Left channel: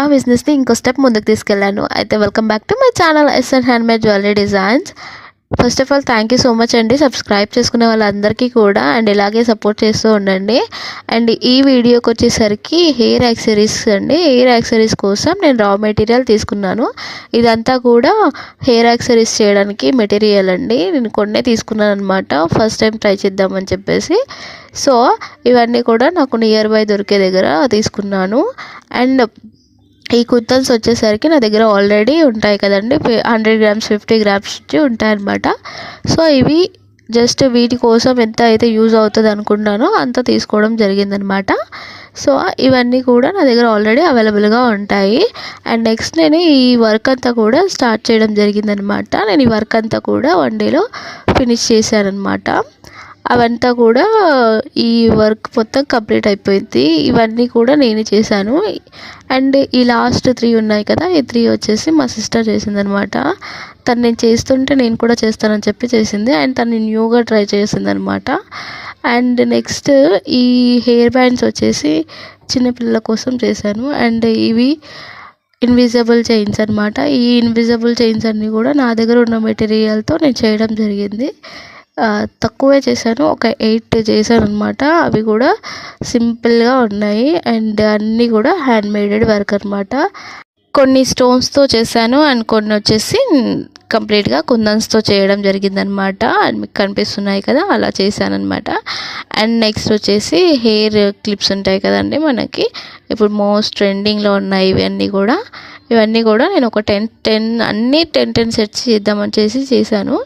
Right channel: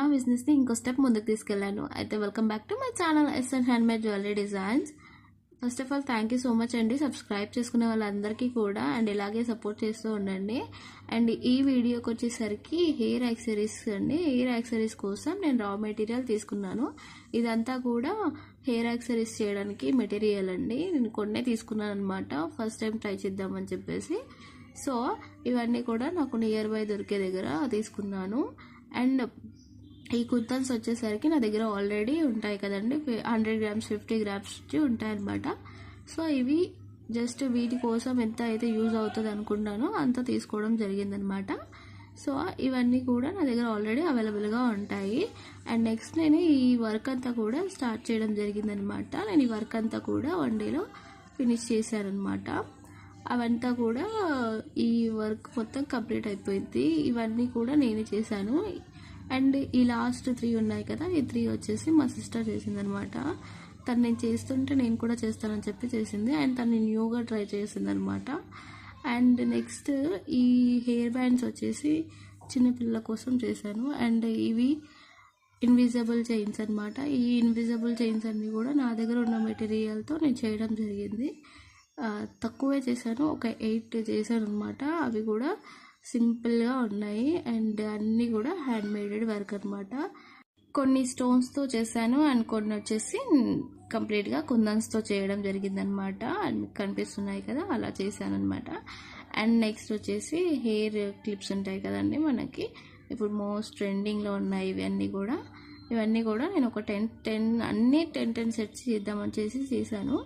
ఆ బిజినెస్ని ఇంకో స్టెప్ ముందుకు తీసుకెళ్ళాను. అయితే welcome back to my channel SN handmade jewellery designs. First of all thank you so much అండి సబ్స్క్రైబ్ చేసుకునే వాళ్ళందరికీ కూడా, అండ్ ఇలాగే సపోర్ట్ చేస్తూ ఉండండి. అండ్ ఈ వీడియోకి వచ్చేసరికి హెయిర్ యాక్సెసరీస్ అండి. హెయిర్ యాక్సెసరీస్ కోసం నేను రా మెటీరియల్ తీసుకున్నాను. ఇదంతా కూడా హెయిర్ యాక్సెసరీస్ చేయడానికి మెటీరియల్ అండి. నేను కొన్నే తీసుకున్నాను అనమాట, ఫస్ట్ టైం ట్రై చేద్దామని చెప్పేసి. సో ఇవన్నీ కూడా నాకు నియర్ బై దొరికే దగ్గర తీసుకున్నాను. అండ్ ఈ కుత్తన్స్ వచ్చేసరికి నా దగ్గర ఆల్రెడీ ఉంటాయి కదండి, 100 గ్రామ్స్ 50 గ్రామ్స్ ఉంటాయన్నమాట. సో ఇవి జస్ట్ వీటి కోసం ఎంత అయితే యూజ్ అవుతుంది అనుకుంటానో అంత తీసుకోవడం జరిగిందనమాట. సో ఇవన్నీ కూడా నా దగ్గర ఆల్రెడీ అవైలబుల్గా ఉంటాయి. అండ్ నెక్స్ట్ నేను ఈ వర్క్ అంతా కూడా స్టార్ట్ చేయడం జరిగిందనమాట. నేను ఈ వర్క్ అంతా కూడా 1 డేలో ఫినిష్ చేశానమాట. అవంతా కూడా ఈ వర్క్ మొత్తం కంప్లీట్ అయిపోయింది. ఇవన్నీ కూడా నేనే చేశాను. అండ్ ఈ లాస్ట్ 3 ఉన్నాయి కదా, ఈ 3 వచ్చేసి మా సిస్టర్ చేసిందనమాట. తను నేను చేస్తుంటే నేను కూడా చేస్తానని చెప్పి చేసింది. అండ్ తను న్యూగా ట్రై చేసిందనమాట. అండ్ నెక్స్ట్ ఈ హెయిర్ బ్యాండ్స్ వచ్చేసి చిన్నపిల్లల కోసం చేశాను. అండ్ ఇవి ఇన్విజిబుల్ చైన్స్ అనమాట. ఈ ఇన్విజిబుల్ చైన్స్ అన్నీ కూడా నా దగ్గర ఉన్న మెటీరియల్తో నేను చేయడం జరిగింది. తక్కువే చేశాను, ఒక 8 చేశాను అనమాట. అవి కూడా సింపుల్గా ఉన్నాయి అండ్ అన్నీ కూడా హ్యాండ్మేడెడ్ వర్క్ అనమాట. కొన్ని స్టోన్స్తో చేశాను అండ్ కొన్ని వచ్చేసి కంప్లీట్గా కుందన్స్తో చేయడం జరిగిందనమాట. అండ్ మీకు కనిపిస్తున్నాయి కదా, అలా చేశాను అనమాట. అండ్ నెక్స్ట్ వచ్చేసి హెయిర్ క్లిప్స్ ఉంటాయి కదండి మనకి, ఇప్పుడు మోస్ట్ ట్రెండింగ్లో ఉన్నాయి ఇవన్నీ కూడా నేను ఒక 10 అన్నీ 10 సెట్స్ చేద్దామని చేశాను.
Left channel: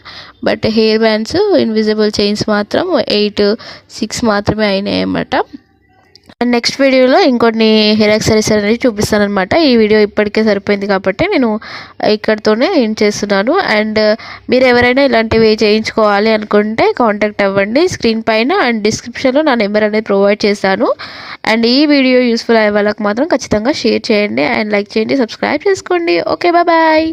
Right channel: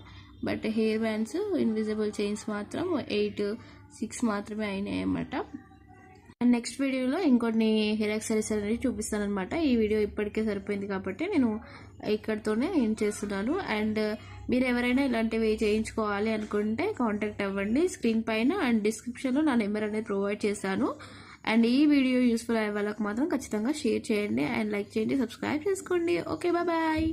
But hair bands invisible chains మాత్రం 6 మాత్రమే అయినాయి అన్నమాట. అండ్ నెక్స్ట్ వీడియోలో ఇంకొన్ని హెయిర్ యాక్సెసరీస్ అనేది చూపిస్తాను అనమాట. ఈ వీడియో ఇప్పటికే సరిపోయింది కాబట్టి నేను ఇక్కడితోనే ఏం చేస్తున్నాను. అండ్ మీరు ఎవరైనా ఇలాంటివి చేయించుకోవాలి అనుకుంటే కాంటాక్ట్ అవ్వండి స్క్రీన్ పైన, అండ్ డిస్క్రిప్షన్లో నా నెంబర్ అనేది ప్రొవైడ్ చేశాను. అండ్ ఈ వీడియో యూస్ఫుల్ అయ్యే వాళ్ళకి మాత్రం ఖచ్చితంగా షేర్ చేయండి అండ్ లైక్ చేయండి, సబ్స్క్రైబ్ చేసుకోండి. Okay, bye.